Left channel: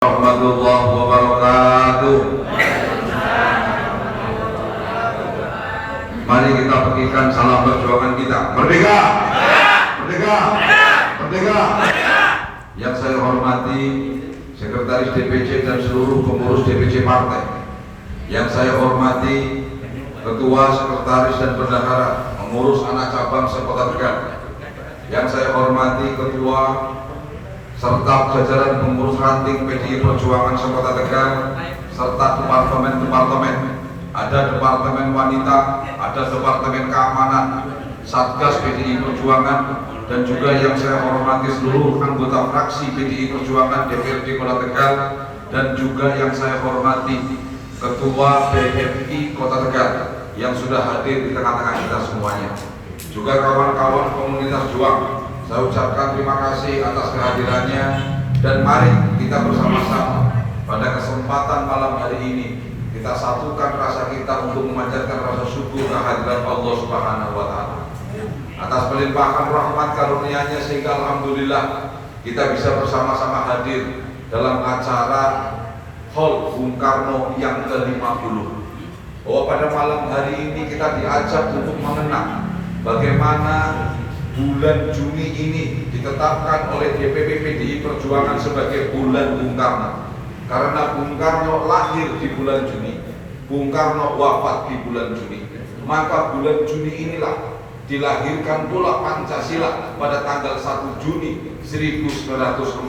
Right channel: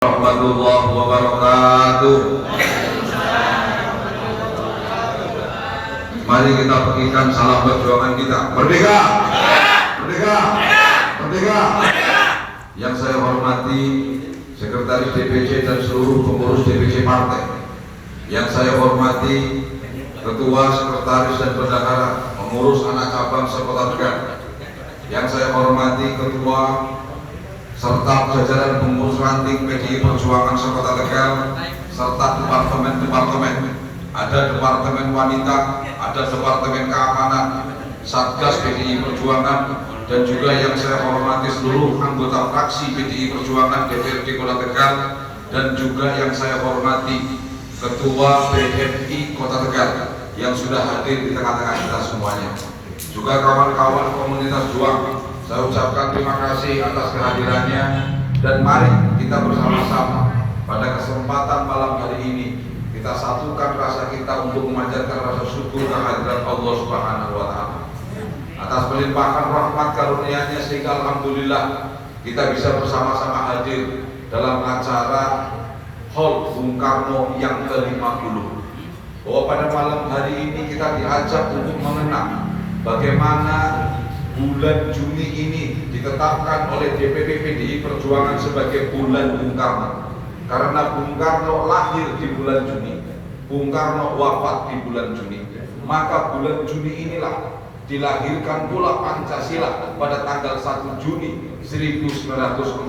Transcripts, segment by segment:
Warahmatullahi wabarakatuh. Mari kita berikan salam perjuangan kita. Merdeka! Merdeka! Merdeka! Yang saya hormati Sekretaris DPC dan seluruh pengurus DPC partai. Yang saya hormati Ketua, Sekretaris dan Bendahara pengurus anak cabang sekota Tegal. Yang saya hormati Ketua serta jajaran pengurus ranting PDI Perjuangan sekota Tegal serta departemen-departemen. Ada departemen wanita, ada departemen keamanan, Satgas PDI Perjuangan, dan juga yang saya hormati seluruh anggota fraksi PDI Perjuangan DPRD Kota Tegal, dan juga yang saya hormati Ketua BMI Kota Tegal yang sudah hadir di tengah-tengah kita semuanya. Juga kawan-kawan komunitas juang, saya ucapkan terima kasih atas kehadirannya, dan mari kita bersama-sama pada kesempatan malam hari ini kita satukan rasa kita untuk memanjatkan rasa syukur kehadiran Allah Subhanahu wa Ta'ala atas pelimpahan rahmat karunia-Nya, sehingga alhamdulillah kita bisa bersama-sama hadir dalam acara Hall Bung Karno yang ke-50. Bahwa pada malam hari ini kita diajak untuk mengenang bagaimana bulan Juni ini ditetapkan oleh DPP PDI Perjuangan sebagai bulan Bung Karno. Karena Bung Karno lahir di bulan Juni, Bung Karno wafat di bulan Juni, maka bulan Juni inilah dilahirkan pula Pancasila pada tanggal 1 Juni 1945.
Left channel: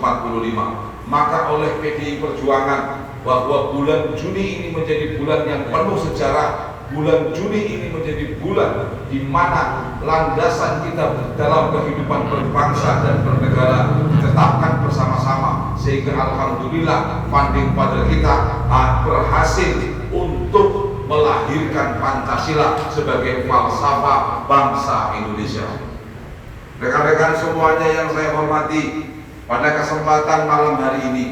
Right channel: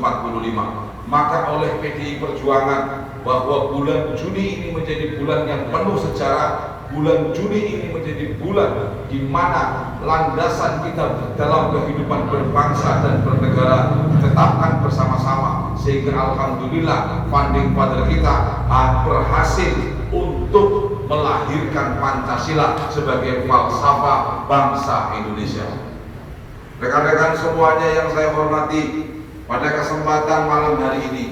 Maka oleh PDI Perjuangan bahwa bulan Juni ini menjadi bulan yang penuh sejarah. Bulan Juni ini menjadi bulan di mana landasan kita dalam kehidupan berbangsa dan bernegara ditetapkan bersama-sama, sehingga alhamdulillah founding father kita berhasil untuk melahirkan Pancasila sebagai falsafah bangsa Indonesia. Rekan-rekan semuanya yang saya hormati, pada kesempatan malam hari ini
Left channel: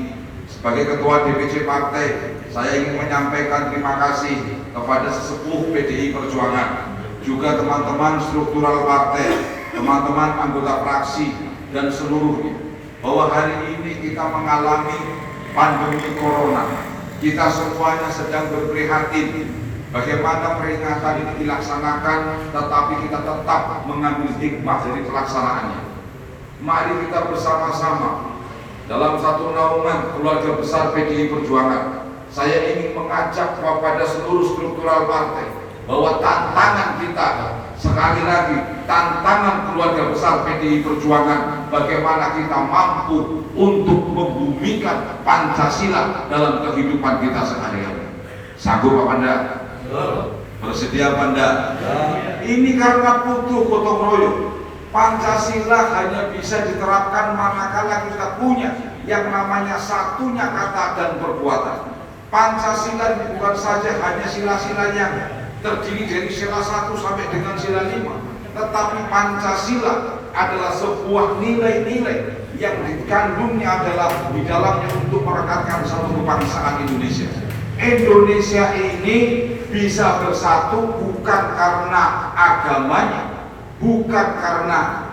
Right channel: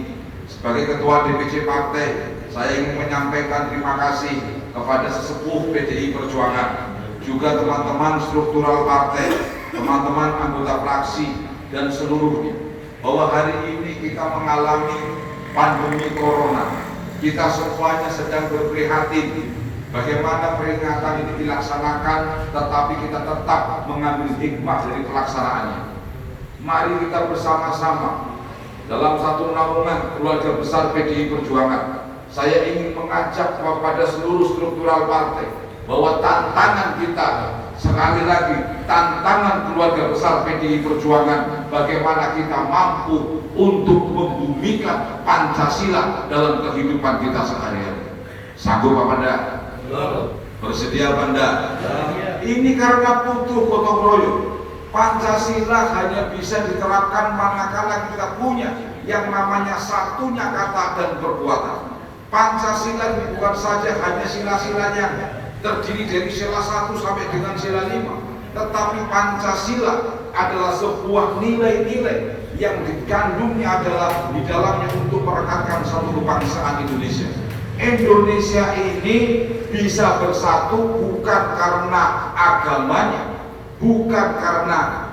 sebagai Ketua DPC Partai, saya ingin menyampaikan terima kasih kepada sesepuh PDI Perjuangan, juga teman-teman struktural partai, teman-teman anggota fraksi, dan seluruhnya, bahwa hari ini kita mengalami pandemi corona. Kita semuanya sedang berprihatin bagaimana peringatan ini dilaksanakan, tetapi kita tetap mengambil hikmah dari pelaksanaannya. Mari kita bersama-sama dalam satu naungan keluarga besar PDI Perjuangan. Saya ingin mengajak kepada seluruh struktural partai bahwa tantangan kita, sekali lagi, tantangan keluarga besar PDI Perjuangan, bagaimana kita mampu untuk membumikan Pancasila dalam kehidupan kita sehari-hari. Sanggup Pak Panda? Bersedia Panda? Ini karena butuh gotong royong. Pancasila hanya bisa diterapkan manakala kita punya yang namanya satunya kata dan perbuatan. Pancasila bukan saja hanya sila-sila yang terdiri dari sila 1 sampai dengan sila 5, tetapi Pancasila adalah sebuah nilai-nilai yang dikandungnya adalah di dalamnya untuk merekatkan satu kebangsaan Indonesia. Indonesia ini bisa bersatu bukan karena agamanya, bukan karena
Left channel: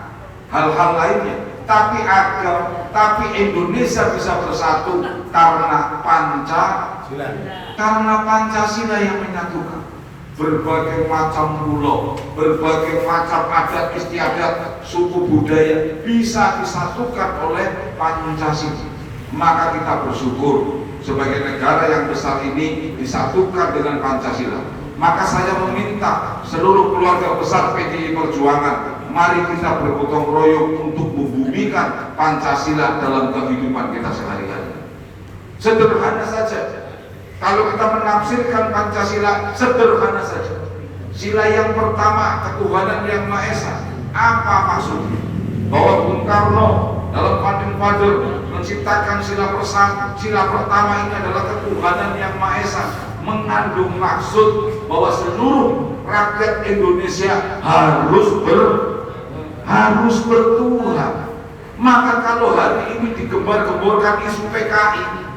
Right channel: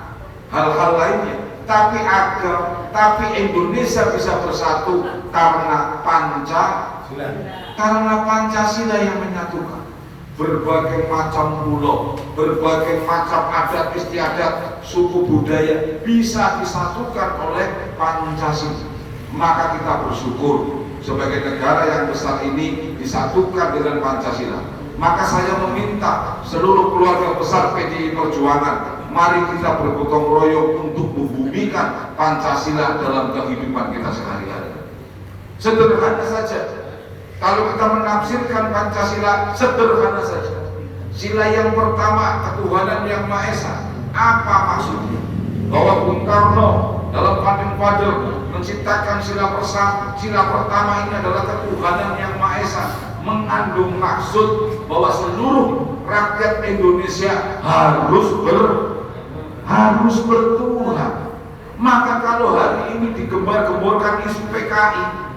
hal-hal lainnya, tapi Indonesia bisa bersatu karena Pancasila yang menyatukan berbagai macam pulau, berbagai macam adat istiadat, suku budaya bisa disatukan oleh Pancasila. Maka kita bersyukur sebagai negara yang besar ini disatukan dengan Pancasila. Maka saya meminta seluruh keluarga besar PDI Perjuangan, mari kita bergotong royong untuk membumikan Pancasila dalam kehidupan kita sehari-hari. Sederhana saja. Kalau kita menafsirkan Pancasila, sederhana saja. Sila yang pertama, ketuhanan yang Maha Esa. Apa maksudnya? Bahwa Bung Karno dalam founding father menciptakan sila pertama ini adalah ketuhanan yang Maha Esa, mengandung maksud bahwa seluruh rakyat Indonesia harus bertuhan. Maka kalau hari ini digembar-gemborkan isu PKI,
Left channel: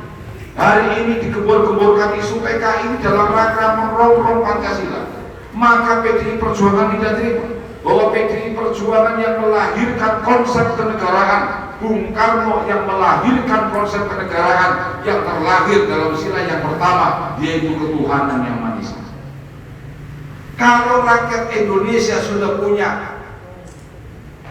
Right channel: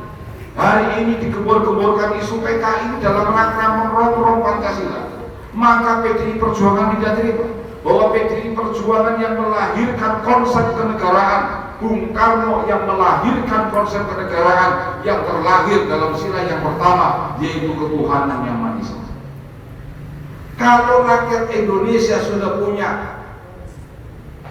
hari ini digembar-gemborkan isu PKI dalam rangka merongrong Pancasila, maka PDI Perjuangan tidak terima bahwa PDI Perjuangan yang melahirkan konsep kenegaraan, Bung Karno yang melahirkan konsep kenegaraan yang terlahir dalam sila yang pertama, yaitu ketuhanan yang Maha Esa. Kalau rakyat Indonesia sudah punya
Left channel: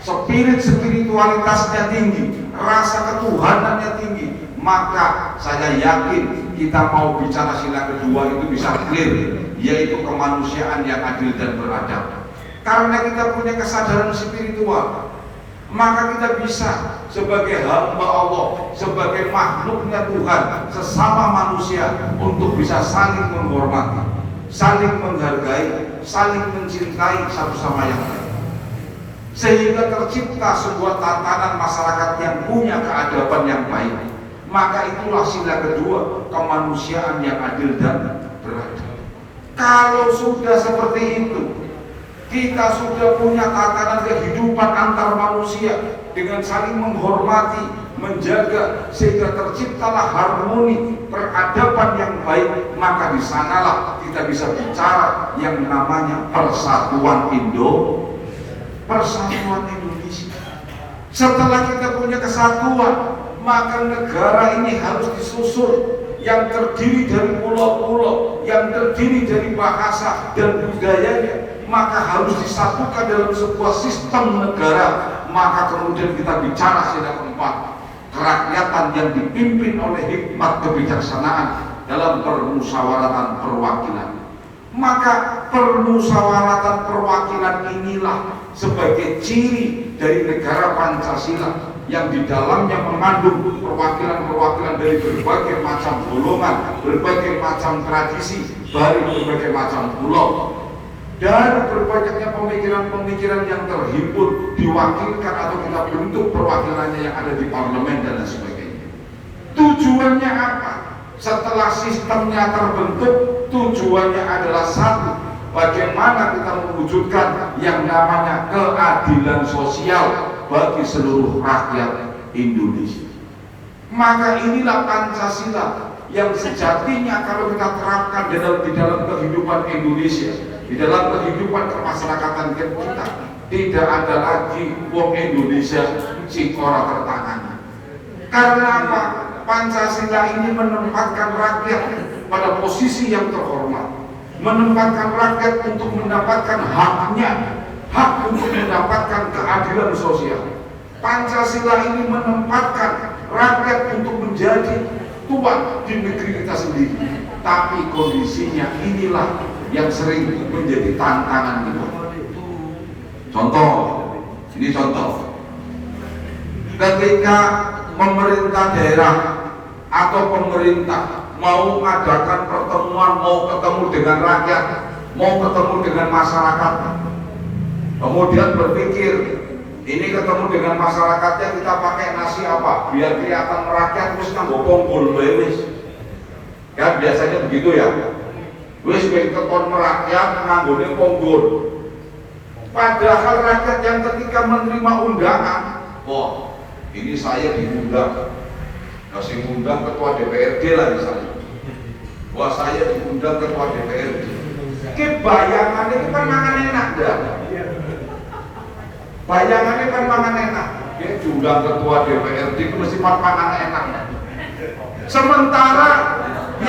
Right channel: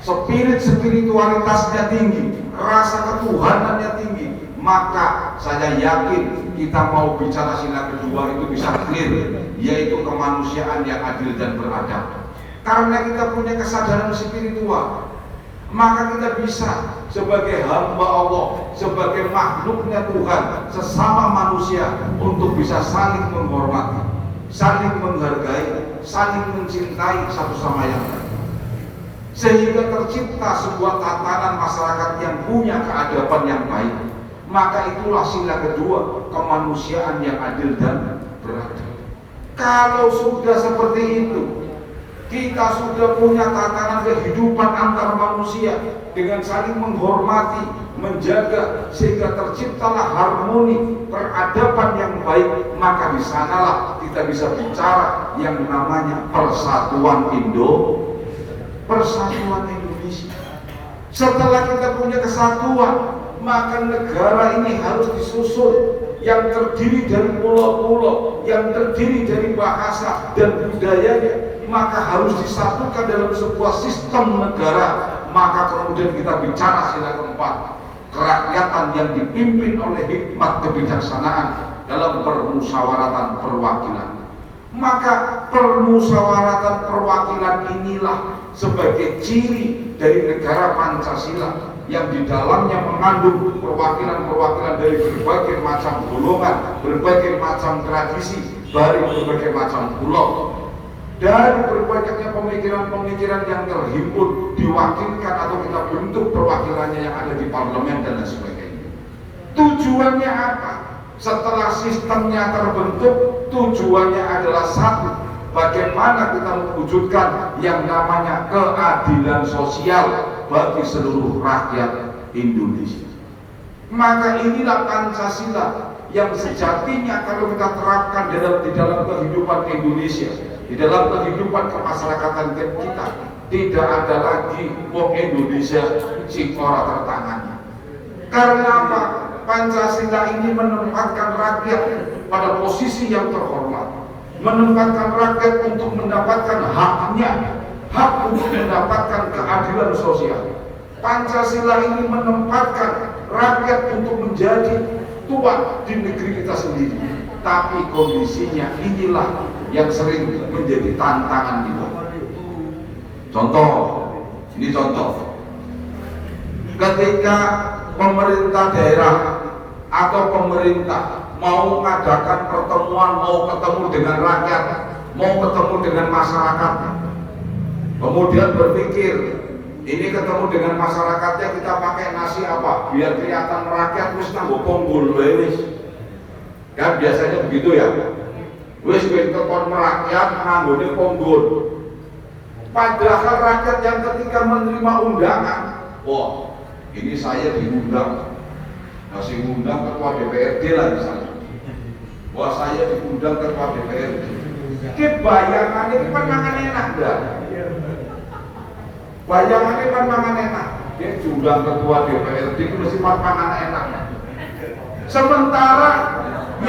spiritualitasnya tinggi, rasa ketuhanannya tinggi, maka saya yakin kita mau bicara sila kedua itu bisa clear, yaitu kemanusiaan yang adil dan beradab. Karena kita punya kesadaran spiritual, maka kita bisa sebagai hamba Allah, sebagai makhluknya Tuhan, sesama manusia untuk bisa saling menghormati, saling menghargai, saling mencintai satu sama yang lain, sehingga tercipta sebuah tatanan masyarakat yang punya keadaban yang baik. Maka itulah sila kedua, kemanusiaan yang adil dan beradab. Kalau sudah seperti itu, kita sudah punya tatanan kehidupan antar manusia dengan saling menghormati, menjaga, sehingga terciptalah harmoni, peradaban yang baik, maka di sanalah kita bisa bicara yang namanya persatuan Indonesia. Setelah kita punya kesatuan, maka negara ini harus disusun yang terdiri dari pulau-pulau, yang terdiri dari bahasa dan budayanya, maka harus disatukan dalam sebuah sistem negara. Maka kemudian kita bicara sila keempat, kerakyatan yang dipimpin oleh hikmat kebijaksanaan dalam permusyawaratan perwakilan. Maka permusyawaratan perwakilan inilah sebagai ciri dari negara Pancasila yang di dalamnya mengandung perwakilan-perwakilan dari berbagai macam golongan, berbagai macam tradisi, dari berbagai macam pulau, dari berbanyaknya pemikiran-pemikiran yang terhimpun, diwakilkan atau kita bentuk perwakilannya yang ada di parlemen dan lain sebagainya. Tujuannya apa? Setelah sistemnya terbentuk, tujuannya adalah satu, bagaimana kita mewujudkan yang namanya keadilan sosial bagi seluruh rakyat Indonesia. Maka inilah Pancasila yang sejatinya kalau kita terapkan di dalam kehidupan Indonesia, di dalam kehidupan kemasyarakatan kita, tidak ada lagi wong Indonesia sing ora tertangani. Karena apa? Pancasila ini menempatkan rakyat pada posisi yang terhormat, menempatkan rakyat untuk mendapatkan haknya, hak untuk mendapatkan keadilan sosial. Pancasila ini menempatkan rakyat untuk menjadi tuan di negeri kita sendiri. Tapi kondisinya inilah yang sering menjadi tantangan kita. Contoh, ini contoh. Ketika pemerintah daerah atau pemerintah mau mengadakan pertemuan, mau ketemu dengan rakyat, mau ketemu dengan masyarakat, kemudian berpikir, ini ketemu dengan masyarakatnya kita pakai nasi apa? Biar kelihatan rakyat wis nganggo ponggol wis. Kan biasanya begitu ya. Wis ketemu rakyat nganggone ponggol. Padahal rakyat yang ketika menerima undangan, wah, ini saya diundang. Masih ngundang ketua DPRD lah misalnya. Wah, saya diundang ketua DPRD. Ki bayangannya itu kan mangan enak dah. Bayangannya kan mangan enak. Dia diundang ketua DPRD itu mesti mangan enak. Sementara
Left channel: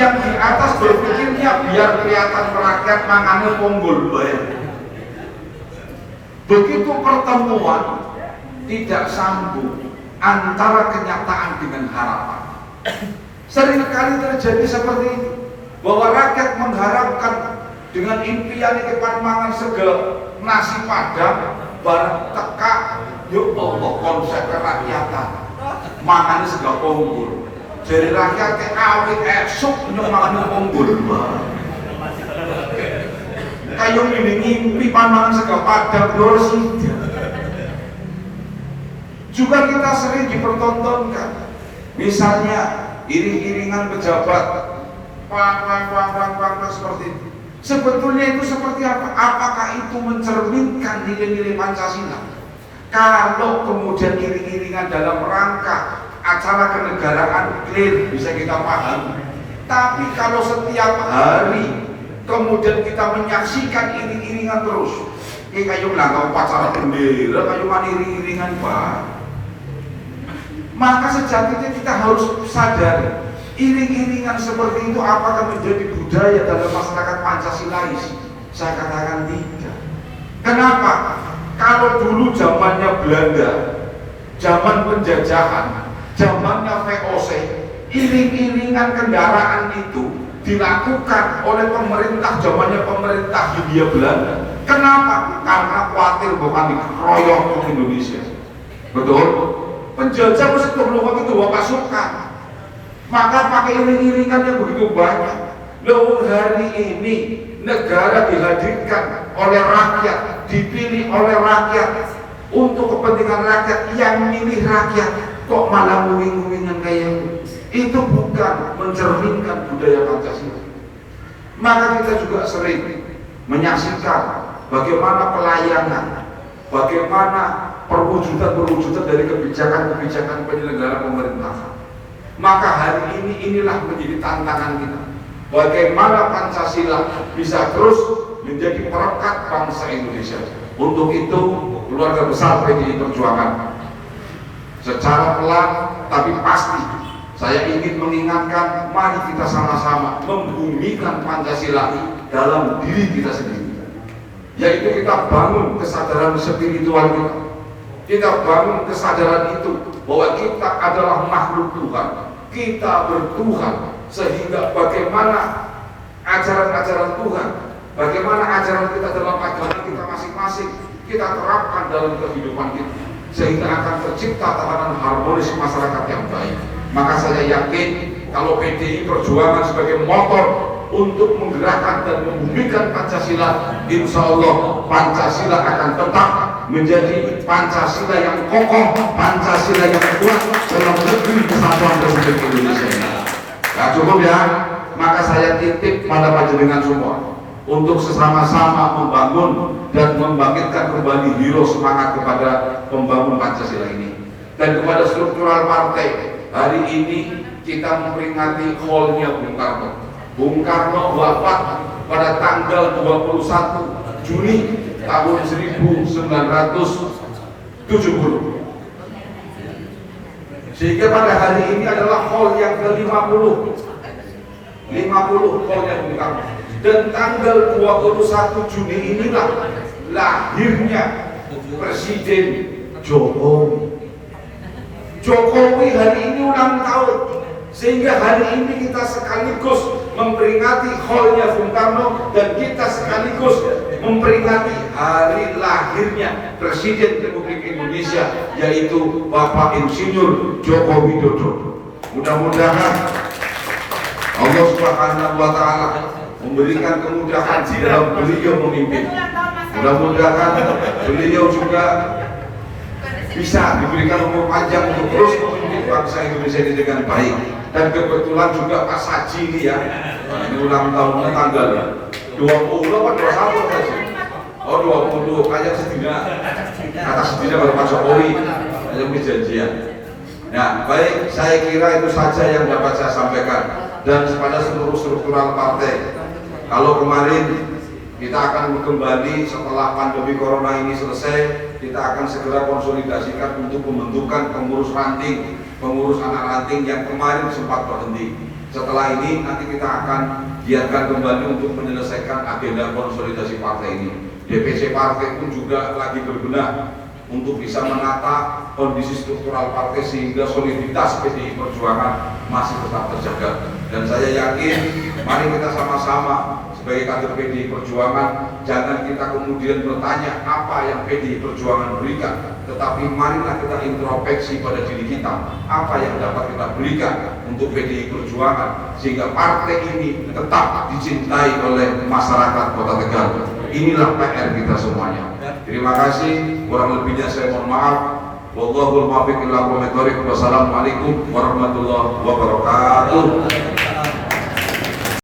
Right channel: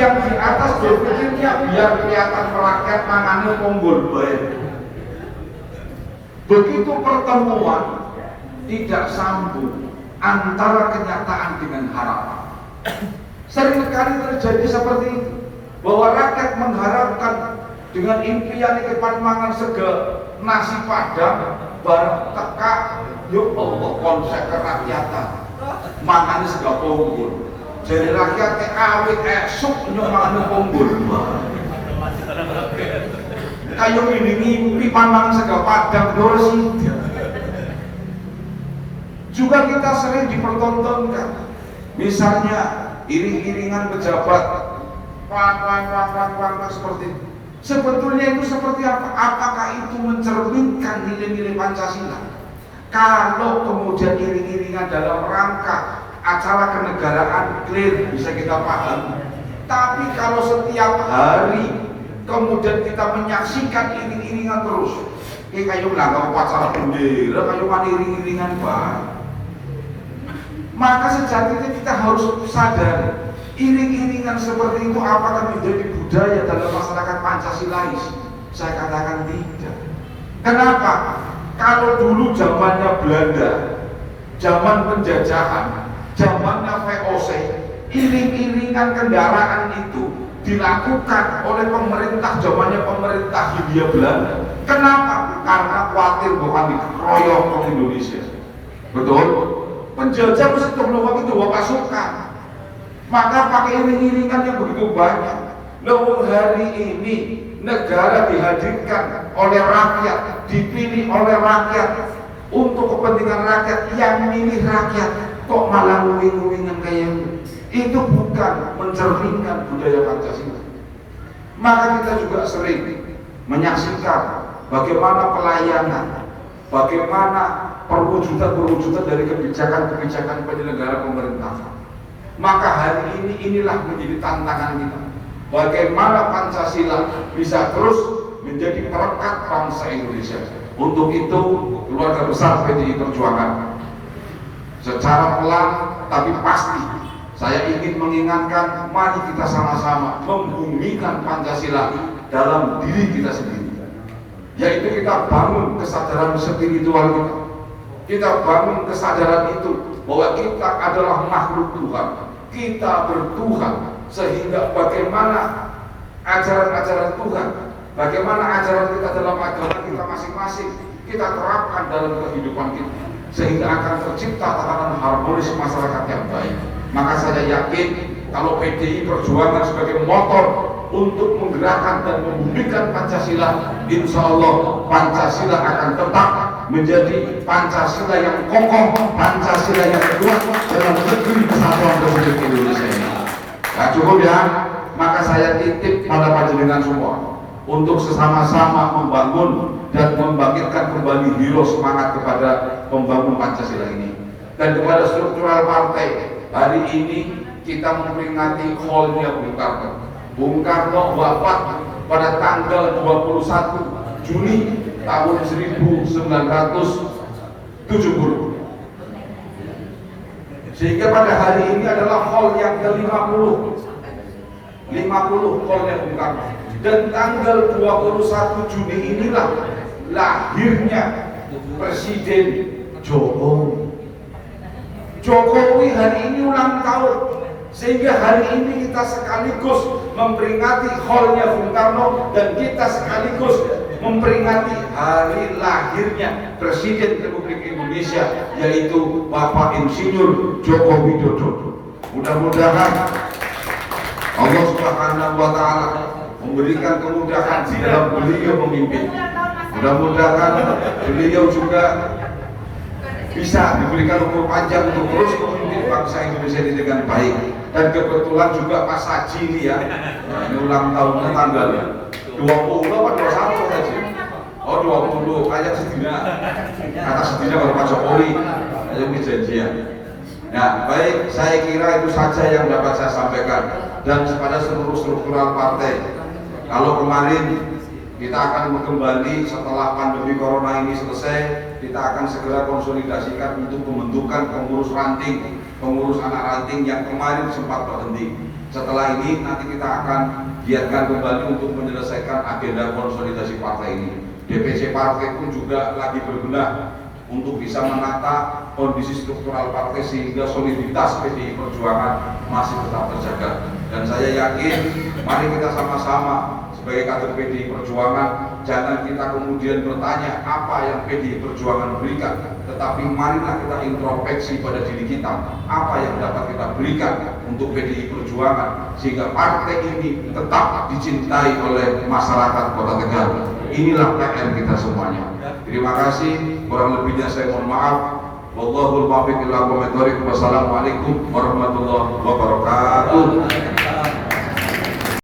yang di atas berpikirnya biar kelihatan rakyat mangannya ponggol bae. Begitu pertemuan tidak sambung antara kenyataan dengan harapan. Seringkali terjadi seperti itu, bahwa rakyat mengharapkan dengan impian ini mangan sega nasi padang bareng teka, yuk Allah konsep kerakyatan mangan sega ponggol. Jadi rakyat awet esok nyumangan ponggol. Kayu ini ngimpi pandangan sega padang dosi. Juga kita sering dipertontonkan, misalnya iring-iringan pejabat, pang seperti itu. Sebetulnya itu seperti apa? Apakah itu mencerminkan nilai-nilai Pancasila? Kalau kemudian iring-iringan dalam rangka acara kenegaraan clear bisa kita pahami. Tapi kalau setiap hari kemudian kita menyaksikan iring-iringan terus, kayak nggak upacara bendera, kayak mana iring-iringan bah. Maka sejatinya kita harus sadari, iring-iringan seperti itu apakah menjadi budaya dalam masyarakat Pancasilais? Saya katakan tidak. Kenapa? Kalau dulu zamannya Belanda, zaman penjajahan, zamannya VOC, iring-iringan kendaraan itu dilakukan oleh pemerintah zamannya pemerintah Hindia Belanda. Kenapa? Karena khawatir bukan dikeroyok ke Indonesia. Betul? Penjajah mesti waktu itu bawa pasukan, maka pakai iring-iringan yang begitu banyak. Lalu hari ini negara dihadirkan oleh rakyat, dipilih oleh rakyat untuk kepentingan rakyat, yang milih rakyat kok malah nguing-nguingan kayak itu bukan mencerminkan budaya Pancasila. Maka kita juga sering menyaksikan bagaimana pelayanan, bagaimana perwujudan dari kebijakan-kebijakan penyelenggara pemerintah. Maka hari ini inilah menjadi tantangan kita. Bagaimana Pancasila bisa terus menjadi perekat bangsa Indonesia. Untuk itu keluarga besar PDI Perjuangan secara pelan tapi pasti saya ingin mengingatkan, mari kita sama-sama membumikan Pancasila dalam diri kita sendiri. Yaitu kita bangun kesadaran spiritual kita. Kita bangun kesadaran itu bahwa kita adalah makhluk Tuhan. Kita bertuhan, sehingga bagaimana ajaran-ajaran Tuhan, bagaimana ajaran kita dalam agama kita masing-masing, kita terapkan dalam kehidupan kita, sehingga akan tercipta tatanan harmonis masyarakat yang baik. Maka saya yakin kalau PDI Perjuangan sebagai motor untuk menggerakkan dan membumikan Pancasila, insya Allah Pancasila akan tetap menjadi Pancasila yang kokoh, Pancasila yang kuat dalam negeri kesatuan Republik Indonesia ini. Nah, cukup ya, maka saya titip pada panjenengan semua untuk sesama-sama membangun dan membangkitkan kembali hero semangat kepada pembangun Pancasila ini. Dan kepada struktural partai, hari ini kita memperingati haulnya Bung Karno. Bung Karno wafat pada tanggal 21 Juni tahun 1970. Sehingga pada hari ini adalah haul yang ke-50 haulnya Bung Karno. Dan tanggal 21 Juni inilah lahirnya Presiden Jokowi. Jokowi hari ini ulang tahun, sehingga hari ini kita sekaligus memperingati haulnya Bung Karno dan kita sekaligus memperingati hari lahirnya Presiden Republik Indonesia, yaitu Bapak Insinyur Joko Widodo. Mudah-mudahan Allah Subhanahu wa Ta'ala memberikan kemudahan di dalam beliau memimpin. Mudah-mudahan beliau juga bisa diberikan umur panjang untuk terus memimpin bangsa Indonesia ini dengan baik. Dan kebetulan juga Pak Saji ini ya, ini ulang tahun tanggalnya 20 apa 21 Saji? Oh 20, kayak sedina. Kata sedina baru Pak Jokowi, ada perjanjian. Nah baik, saya kira itu saja yang dapat saya sampaikan. Dan kepada seluruh struktural partai, kalau kemarin kita akan kembali setelah pandemi corona ini selesai, kita akan segera konsolidasikan untuk pembentukan pengurus ranting, pengurus anak ranting yang kemarin sempat berhenti. Setelah ini nanti kita akan giatkan kembali untuk menyelesaikan agenda konsolidasi partai ini. DPC partai pun juga lagi berbenah untuk bisa menata kondisi struktural partai sehingga soliditas PDI Perjuangan masih tetap terjaga. Dan saya yakin, mari kita sama-sama sebagai kader PDI Perjuangan, jangan kita kemudian bertanya apa yang PDI Perjuangan berikan, tetapi marilah kita introspeksi pada diri kita, apa yang dapat kita berikan untuk PDI Perjuangan sehingga partai ini tetap dicintai oleh masyarakat Kota Tegal. Inilah PR kita semuanya. Terima kasih, kurang lebihnya saya mohon maaf. Wallahul muwaffiq ila aqwamit thoriq. Wassalamualaikum warahmatullahi wabarakatuh.